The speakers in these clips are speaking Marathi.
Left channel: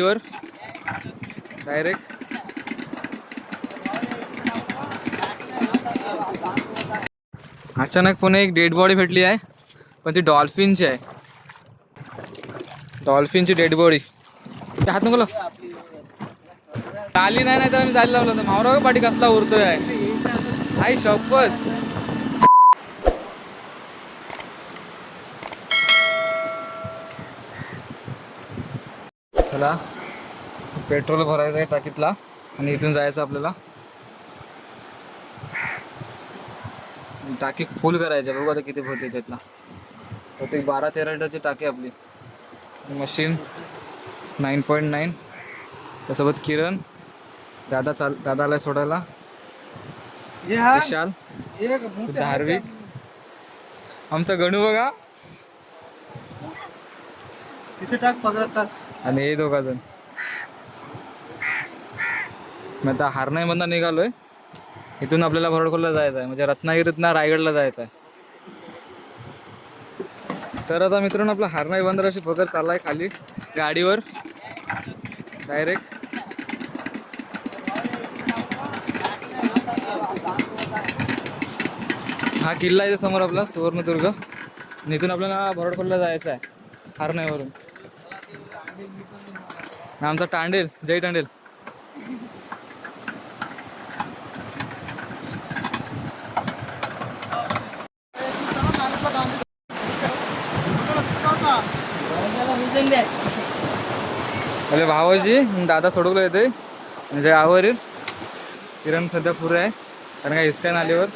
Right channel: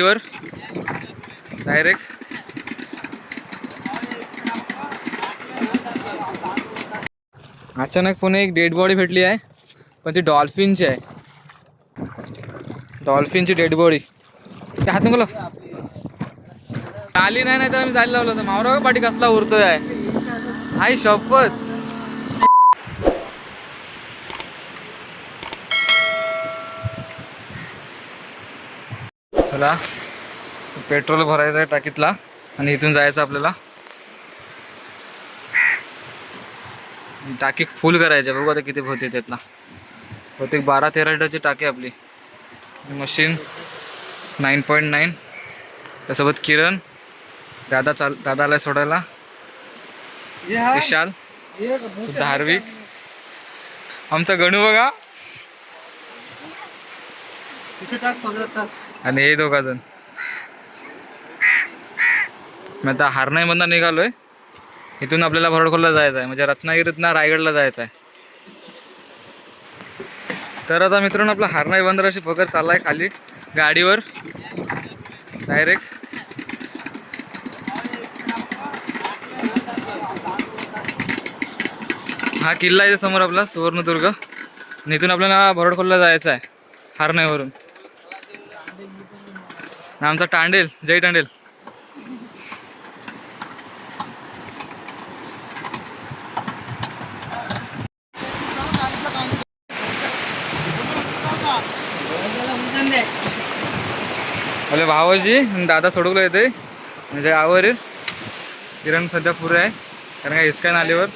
वर डायरेक्ट अचानक पुणे एक डेड बॉडी भेटली आहे, पण ती डॉल्फिनची आहे. डॉल्फिनची डेड बॉडी. त्या हात नको आली नाही, तर आम्ही जायला लावलं होतं. मावरा पाठी कसला उरतोय आहे आई शपथ. चला पेट्रोल भरायचं आहे टाकीतला आणि इथून जायचं आपल्याला. टाकी फुल करायची. बघू आता किती होते त्यातला. बहुतेक 12-13 लिटरची टाकी आपली. मशीन 9.9. त्यासोबत किरण दादा आलाय सोडायला. विशाल, धार्विक, आमचा गणू बघा आणि हे दोघा जण. मी आता हारनाईमधनं निघालोय. इथून आपल्याला भरडखोलला जायचं आहे, म्हणजे रत्नागिरीतनं रायगडला जायचं आहे. तर आता मित्रांनो आपला हारनाई बंदराची पकड चाललाय खाली गाडीवर डायरेक्ट. हा किल्ला आहे समोर आपला सुवर्णदुर्ग. आणि इथून आपल्याला भरडखोलला जायचं आहे हारनाईवरून. आमचा टांडेल, जय टांडेल. अरे भावाजी दादा सोडवलं येते म्हणजे आवरेल. किरण सध्या पुरे आहे कारण का हिसका नालीवर.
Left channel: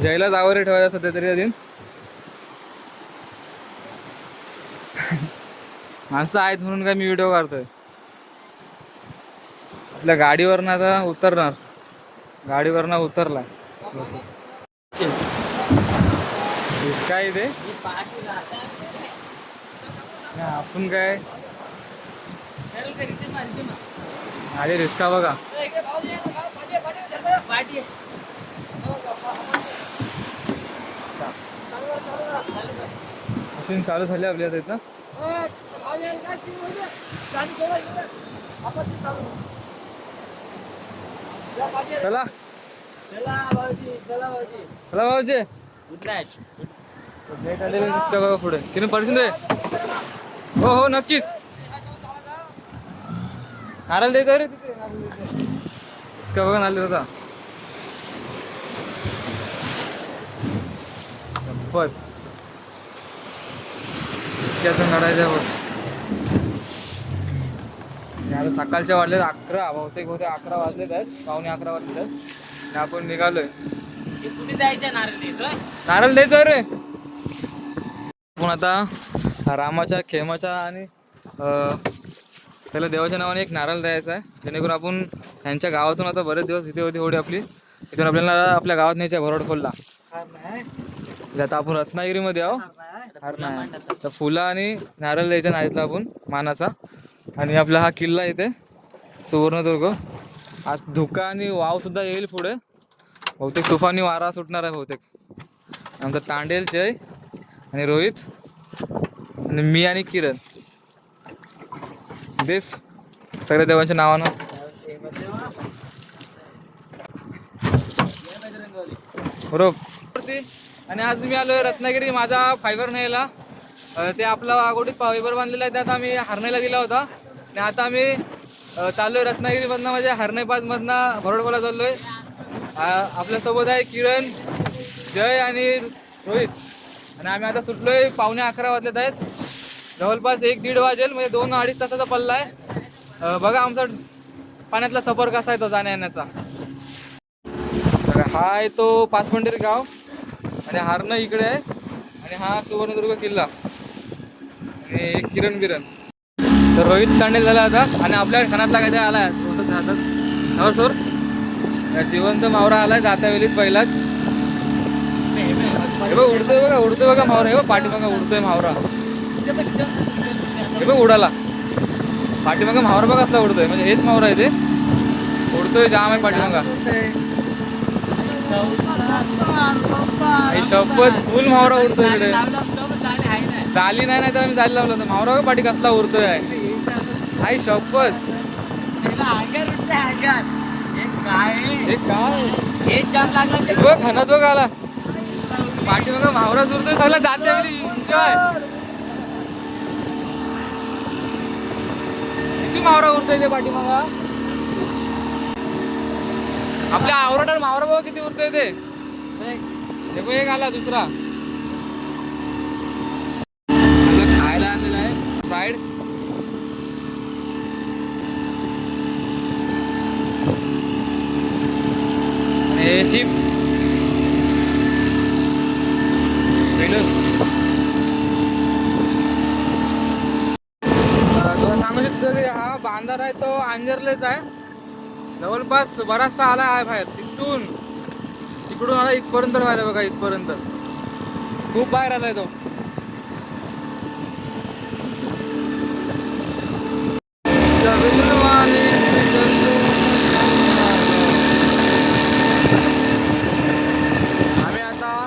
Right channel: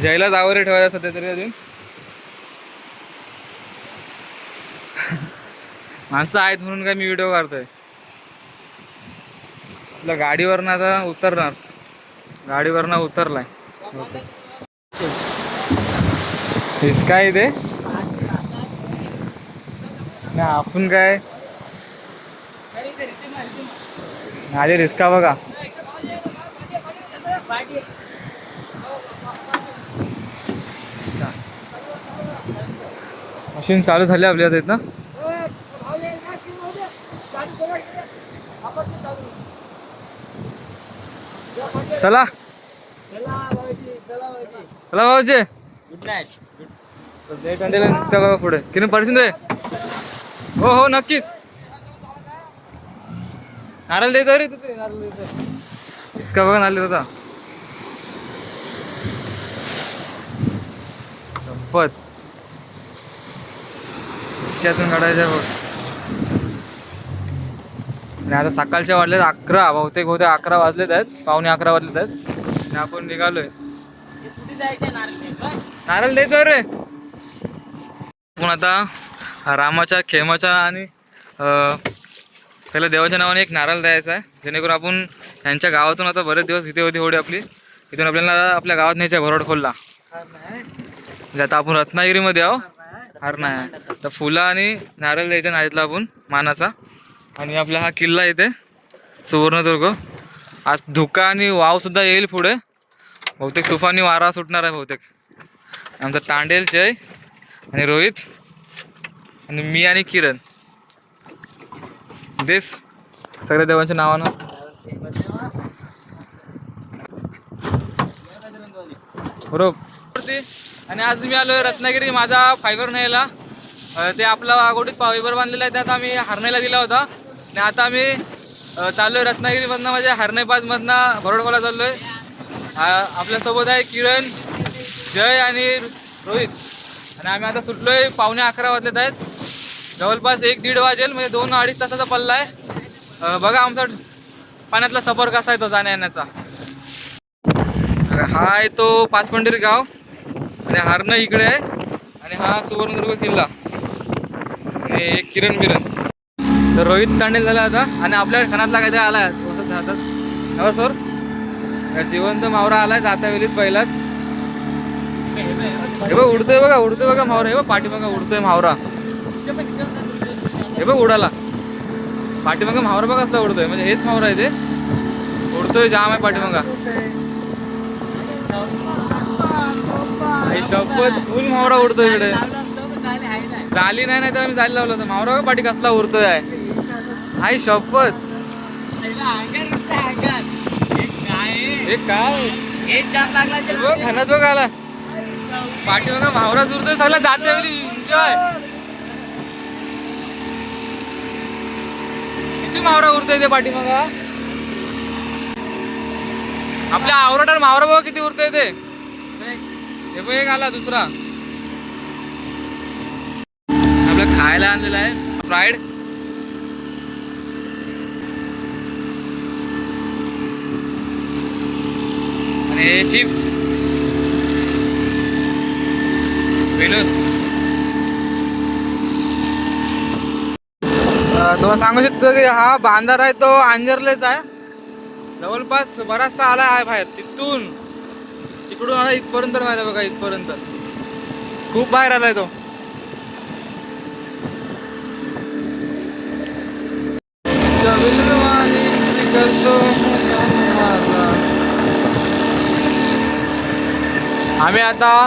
जयलाच आवरे ठेवायचा सध्या तरी अजून. माणसं आहेत म्हणून काय मी व्हिडिओ काढतोय. आपल्या गाडीवरनं आता उतरणार. गाडीवरनं उतरलाय. काय इथे आपण काय माझे रिस्का बघा. मशीन चालू झाली आपल्या आता इथं. चला चला भाऊजी. रिस्का बघा पुढे किती पडशील रे. हो हो नक्कीच. नारळ द्यायचा रे तिथे. रिस्का बघा नारळ होता. संपत इतक्यातून काढायच्या. आणि आता सकाळच्या वाजलेत 11. बहुतेक 11 वाजलेत आहेत. 11:15 वाजलेत आहेत. आणि आपण निघालोय. नारळ द्यायचं रे. आपण आता रामाच्या खेमाच्या आणि पहिल्या देवाच्या नावाने एक नारळ द्यायचा आहे, जेणेकरून आपण त्यांच्या गावातून आता बरेच दिवस इथे होती होडी आपली. इथून आपल्याला आपल्या गावात न्यायचं आहे भरडखोलला. म्हणजे आता आपण रत्नागिरीमध्ये आहो. हारनाई तर फुलं आणि नारळ द्यायच्या नाहीतला आपण मानाचा. आणि आपला हा किल्ला इथे सुवर्णदुर्ग. आज धुका आणि वाव सुद्धा येईल पुढे. बहुतेक तुफानी वारा सुटणार आहे बहुतेक. आमचा टांडेल, जय आणि रोहित आणि मी आणि किरण. देस सगळ्या देवांच्या नावानं. बरोबर. आणि आज मी आलोय रत्नागिरी. माझा फायबर न्यायला. ते आपला आगोडीत फायबर बांधलेला आहे, त्यात आम्ही हारनाईला दिला होता. आणि आता आम्ही चाललोय रत्नागिरीमधनं, म्हणजे हारनाई पासमधनं भरडखोलला चाललोय. आपल्यासोबत आहे किरण, जय आणि रोहित. आणि आम्ही आता सुटलोय. 11:15 वाजलेत आहेत. जवळपास 1-1.5 वाजेल, म्हणजे 2-2.5 तासाचा पल्ला आहे. बघा आमचा पाण्यातला सफर कसा आहे तो जाण्या येण्याचा. हा आहे तो पाचपंढरी गाव आणि हारनाई इकडे आहे. आणि हा सुवर्णदुर्ग किल्ला. आणि एक किरण बिरण. तर रोहित तांडेल झाला आता. आणि आपल्या खणातला काय आला हातात सोर जिवंत मावरा आलाय जाता वेळीच पहिलाच. हे बघ उडतोय बघा. उडतोय बघा मावरा. हे बघ पाठीमागा उडतोय मावरा. हे बघ उडाला पाठीमागा मावरा बघा कसला उडतोय. म्हणजे हेच मावरा आहे ते. उडतोय जाम आहे पाठीमागा. आई शपथ फुल मावरा उडतो इकडे. जाली नाही तर आम्ही जाली लावलं होतं. मावरा पाठी कसला उरतोय आई शपथ. खाना तो गाला पाठी बघा मावरा उरतोय सगळं जाते एन्जॉय. किती मावरा उरतोय ते पाठी मग आपल्या आवरटात मावरा बघा किती उरतोय ते. हे पण एक आला दुसरा आपला खायला आणलेला आहे फ्राईड. आणि हे चिप्स वेनस. तो सांगू शकतो की हा बांधार आहे तो अंजरलेच आहे. जवळपास बराचसा आला आहे बाहेर. तिकडून आला इथपर्यंत बाहेर बघा. इथपर्यंत खूप बाहेर आलाय तो. आम्ही आता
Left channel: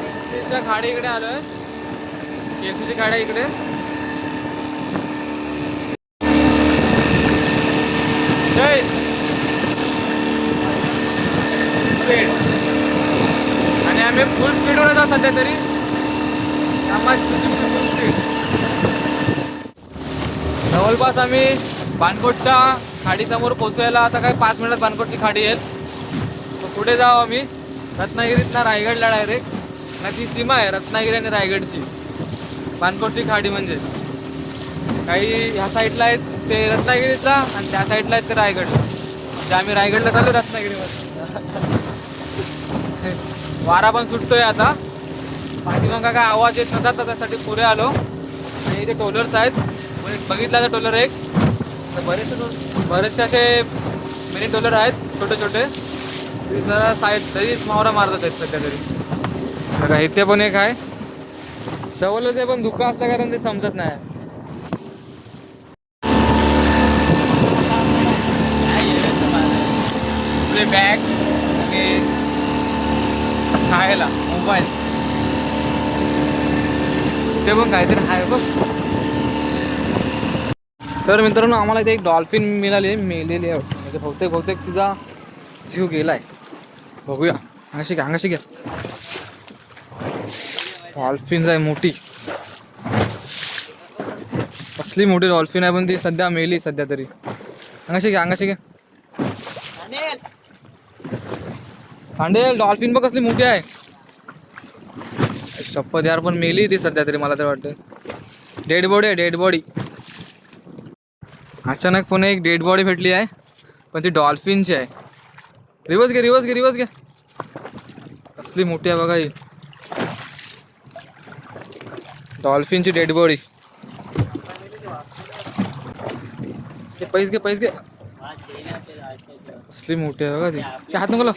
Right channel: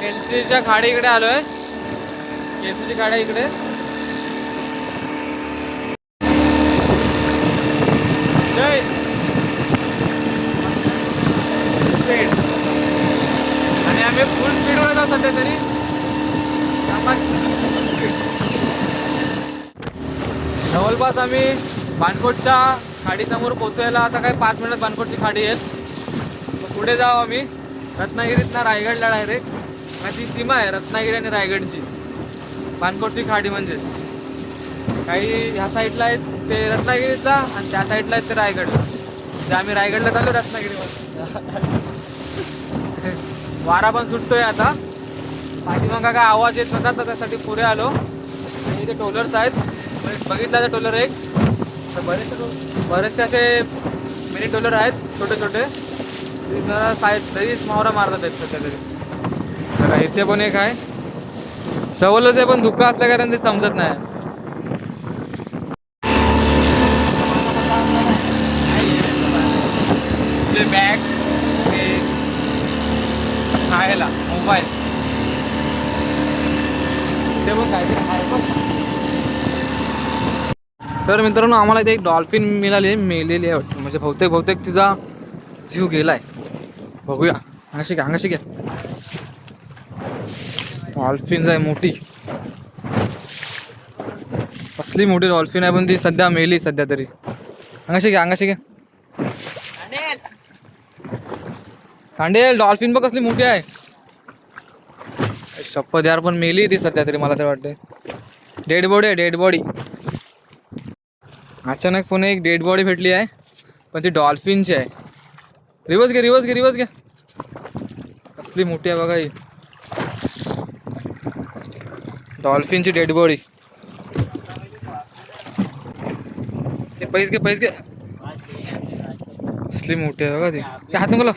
केलसीच्या खाडी इकडे आलोय. केलसीची खाडी इकडे. आणि आम्ही फुल स्पीडवर जाऊ सध्या तरी. जवळपास आम्ही बाणकोटच्या खाडीसमोर पोचवायला आता काय 5 मिनिटात बाणकोटची खाडी येईल. पुढे जाऊ आम्ही रत्नागिरीतला रायगडला डायरेक्ट. ना ती सीमा आहे रत्नागिरी आणि रायगडची. बाणकोटची खाडी म्हणजे काही ह्या साईडला आहेत ते रत्नागिरीतला आणि त्या साईडला आहेत ते रायगडला. म्हणजे आम्ही रायगडला चालू रत्नागिरीमध्ये. वारा पण सुटतोय आता. पाठीमागा काय आवाज येत नव्हता तर त्यासाठी पुढे आलो. आणि इथे टोलर्स आहेत. बघितला तर टोलर एक तर बरेचसे असे मिनी टोलर आहेत छोटे छोटे. जरा साईड तरीच मावरा मारतात आहेत सध्या तरी. बघा इथे पण एक आहे जवळच आहे पण धुका असल्या कारण ते समजत नाही. आपले बॅग आणि खायला मोबाईल ते पण काहीतरी आहे बघ. तर मित्रांनो आम्हाला इथे एक डॉल्फिन मेलेली आहे. म्हणजे बहुतेक तिचा जीव गेलाय. बघूया. अंगाशी घ्या. डॉल्फिन आहे मोठी. कसली मोठी डॉल्फिन आहे पण ती सध्या मेली सध्या तरी. अंगाशी घ्या. खांडेल डॉल्फिन बघ कसली मोठी आहे. शपथ यार पण मेली ती सध्या तरी मला तर वाटतं. Dead body. अचानक पुन्हा एक डेड बॉडी भेटली आहे पण ती डॉल्फिनची आहे. रिवर्स घे. कसली मोठी आहे बघा ही डॉल्फिनची डेड बॉडी. पैस घे. कसली मोठी आहे बघा ती. हात नको लाव.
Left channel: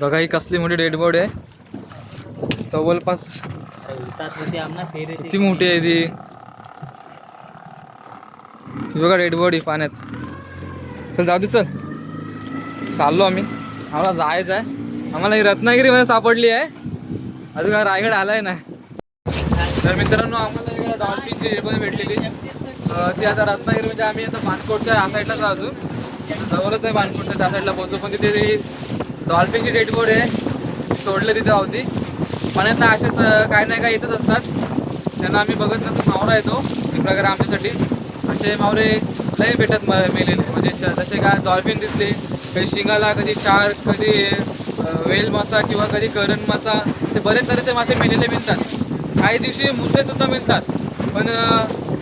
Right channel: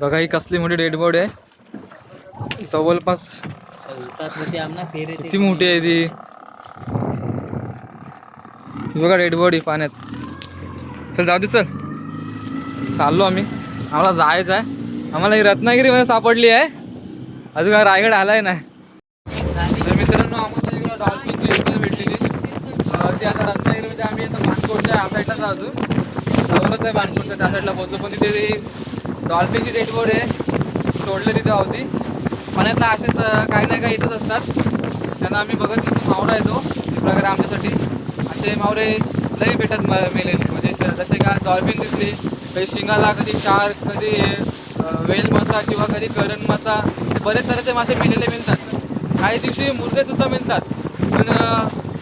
बघा ही कसली मोठी डेड बॉडी आहे. जवळपास किती मोठी आहे ती बघा डेड बॉडी पाण्यात. चल जाऊ दे. चाललो आम्हाला जायचं आहे. आम्हाला ही रत्नागिरीमध्ये सापडली आहे. अजून रायगड आलाय ना. तर मित्रांनो आम्हाला एक डॉल्फिनची डेड बॉडी भेटलेली. ती आता रत्नागिरी म्हणजे आम्ही आता बाणकोटच्या या साईडला जाऊ. जवळच आहे बाणकोटच्या त्या साईडला पोहोचू. पण तिथे डॉल्फिनची डेड बॉडी आहे सोडले तिथे होती. पाण्यात असेच काही नाही काय येतच असतात. त्यांना आम्ही बघत नाही. मावरा येतो एक प्रकारे आमच्यासाठी. असे मावरे लई भेटत मेलेले. म्हणजे जसे काय डॉल्फिन दिसले कधी शिंगाला, कधी शार्क, कधी वेल मासा किंवा कधी करण मासा. ते बरेच तऱ्हेचे मासे मेलेले मिळतात. काही दिवशी मुर्दे सुद्धा मिळतात पण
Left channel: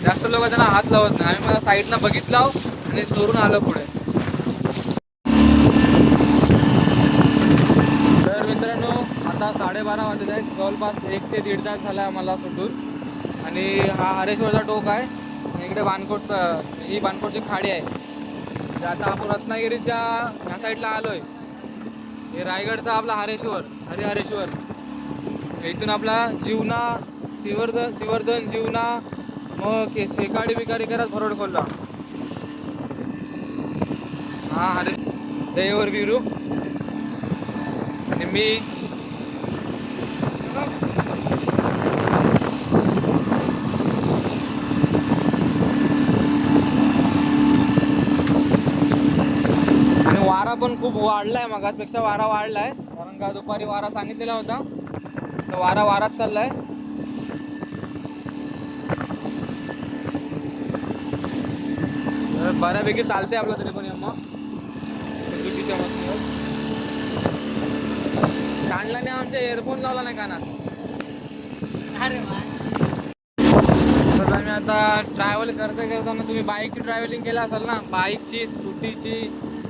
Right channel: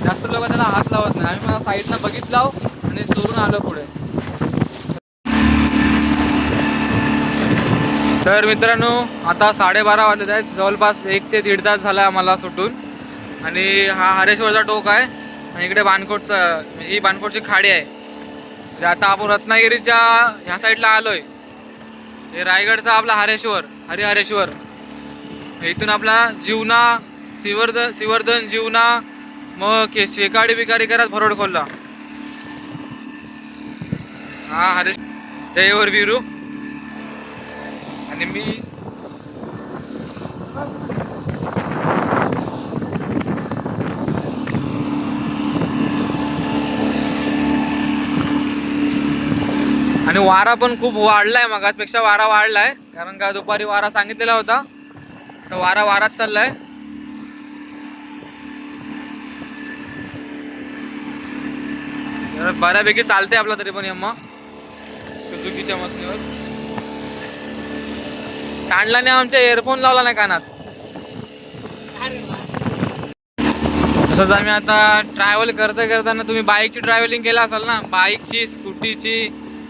जास्त लोक त्यांना हात लावत नाही. आम्ही मला साईडनं बघितलं आणि चोरून आलो पुढे. तर मित्रांनो आता 12:30 वाजले आहेत. जवळपास 1 ते 1.5 तास झाला आम्हाला सुटून. आणि हा हरेश्वरचा टोक आहे आणि इकडे बाणकोटचा ही बाणकोटची खाडी आहे. म्हणजे आता आपण रत्नागिरीच्या ह्या साईडला आलोय. हे रायगडचा आपला हरेश्वर. इथून आपला जीवना सिवर्धन जीवना मग शेकाडी बिकाडी करत भरोड खोलला. हा जयवर वीरू आणि मी आणि वारा पण खूप वाढलाय, मगाचपेक्षा वारा वाढलाय, कारण का दुपारी वारा सांगितलेला होता, तर वारा वाराच चाललाय. बऱ्यापैकी चालते आपला तरी पण यम्मा सुझुकीच्या मशनीवर. काढलाने आमच्या एअरफोन लावला नाही कानात. तसंच आम्ही आता ट्रॅव्हल करताना तुम्ही बाईकची ट्रॅव्हलिंग केला असाल ना, बाईकची, स्कूटीची,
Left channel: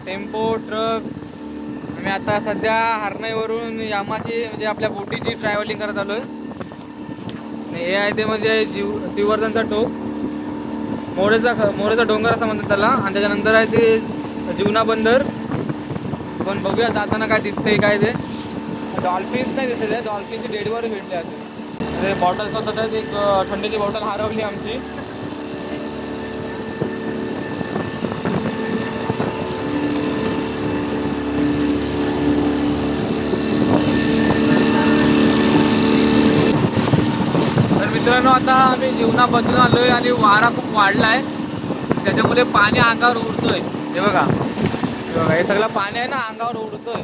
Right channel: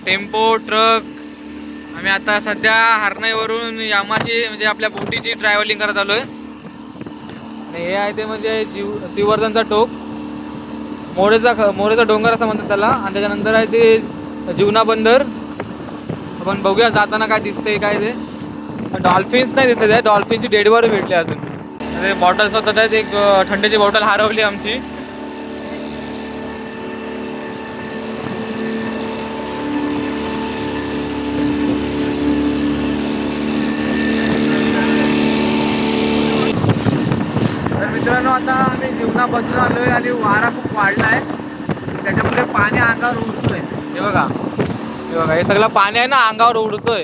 टेम्पो, ट्रक. आम्ही आता सध्या हरणाईवरून यामाची म्हणजे आपल्या बोटीची ट्रॅव्हलिंग करत आलोय. आणि हे आहे ते म्हणजे श्रीवर्धनचा टोक, मोरेचा डोंगर असं म्हणतात त्याला. आणि त्याच्यानंतर आहे ते जीवना बंदर. आपण बघूया जाताना काय दिसतंय काय ते. डॉल्फिन्स नाही दिसत आहे, डॉल्फिनची डेडवर भेटले अजून. अरे बॉटल्स होतात आहेत, एक थंडीची बॉटल हरवली आमची. तर मित्रांनो आता आम्ही जीवना बदलून आलोय आणि वारा खूप वाढलाय, त्याच्यामुळे पाणी अंगावर उडतोय. हे बघा हे सगळं पाणी आहे ना अंगावर उडतोय.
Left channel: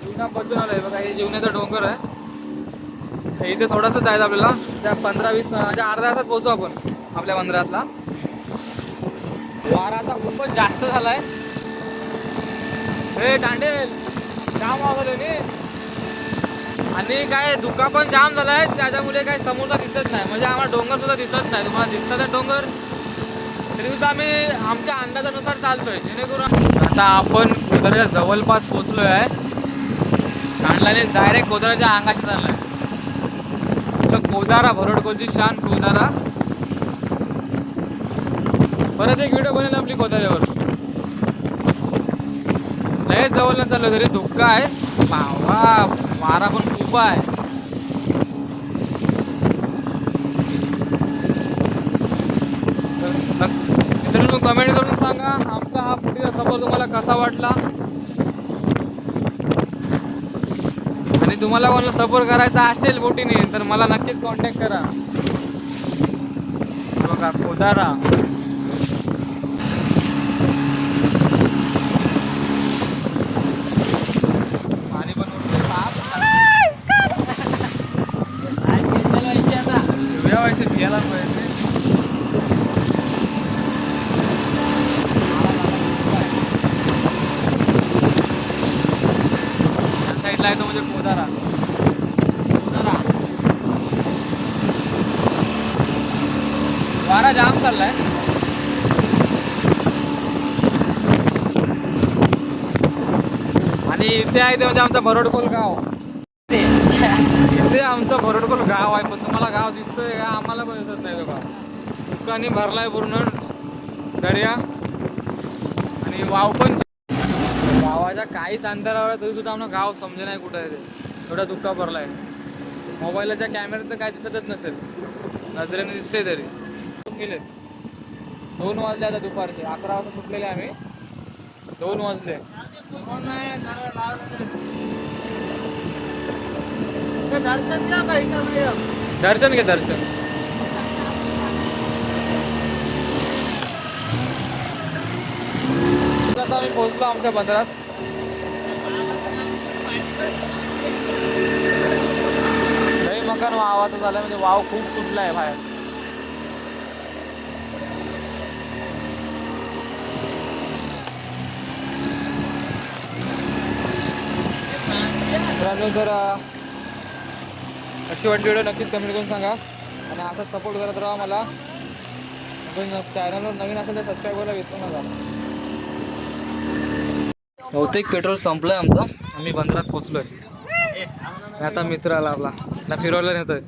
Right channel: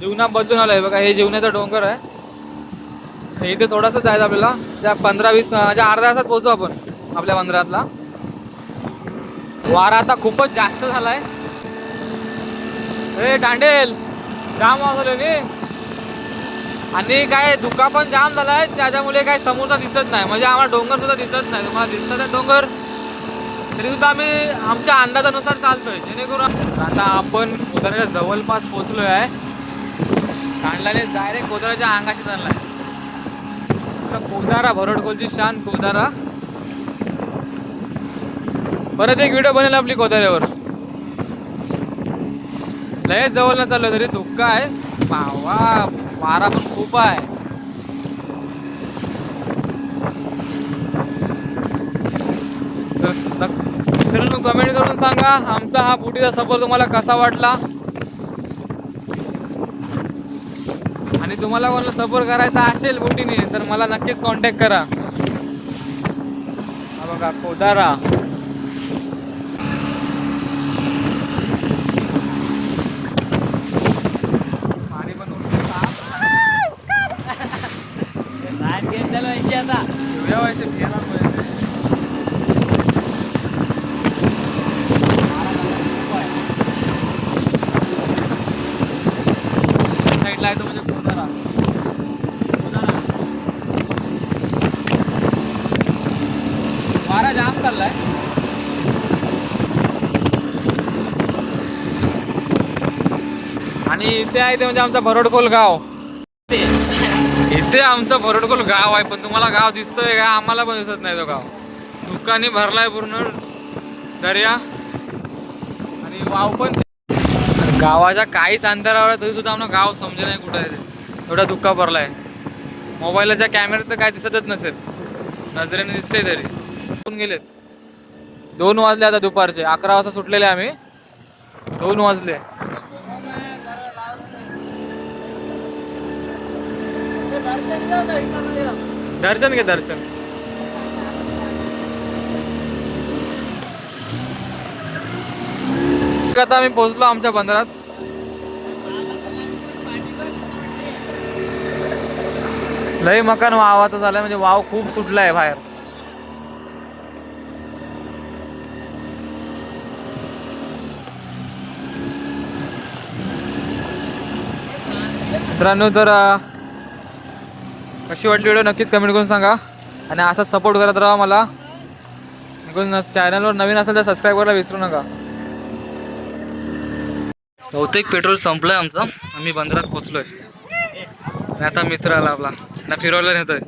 जीवना बदलून आलोय बघा, हे जीवनाचा डोंगर आहे. इथे थोडंसं जायचं आपल्याला, त्या 15-20 म्हणजे अर्ध्या तासात पोहोचू आपण आपल्या बंदरातला. वारा आता खूपच जास्त झालाय. हे दांडेल जाम वाजवले आणि काय धुका पण जाम झालाय, त्याच्यामुळे काय समोरचा दिसत नाही. म्हणजे आम्हाला डोंगर सुद्धा दिसत नाही. तुम्हाला दिसतात आहे डोंगर, तरी सुद्धा आम्ही आमच्या अंदाजानुसार चालतोय, जेणेकरून आता आपण कोदाराच्या जवळपास पोहोचलोय आहे. कांडलाने डायरेक्ट कोदाराच्या अंगाशी चाललाय. कोदारा, भरडकोलची शान कोदारा. परत एक व्हिडिओ बनेल आपली कोदाऱ्यावर. लय जवळ न चाललं तरी धुक्का आहे. वारा वारा पण खूप आहे. मित्रांनो कमेंट करून सांगा आमचा हा बोटीचा सफर तुम्हाला कसा वाटला. आणि तुम्हाला कोणाला सफर करायचा असेल बोटीने तर मला नक्कीच कॉन्टॅक्ट करा. बघा कोदारा. पाणी पण उडते. साईडला आहे तो म्हणजे कोदारा. वारा जाम चाललाय. आणि इथे आहे ते म्हणजे आमचा भरडकोल गाव. इथे आमचं भरडकोल गाव आहे, पण तुम्हाला गाव दिसतोय का? आम्हाला पण दिसत नाही तो गाव. दुकानी भरलाय पूर्ण दर्या आणि वाव पण. गावाच्या काहीच अंतरावर तरी सुद्धा आम्हाला गाव समजे नाही कुठं आहे ते. एवढा धुक्का भरलाय. मोबाईलच्या कॅमेऱ्यात तर काय दिसतच नसेल, नजरेने दिसते तरी. गेलेत 2 वाजले आता दुपारचे. 11 वाजता सुटलेले आम्ही, 2 वाजले. दर्शन घे दर्शन. आता आम्ही पोहोचलो आमच्या बंदरात. लय मकान वावाचा झालाय, म्हणजे वाव खूप सुटलाय बाहेर. मित्रांनो तर कशी वाटली व्हिडिओ नक्कीच कमेंट करून सांगा. आणि असाच सपोर्ट करत राहा मला. चॅनलवर नवीन असेल तर सबस्क्राईब करायला विसरू नका. बहुतेक पेट्रोल संपलंय आमचं. आम्ही बंदरात पोहोचलोय. आता मित्र आला आपला, फिरवायला नेतोय.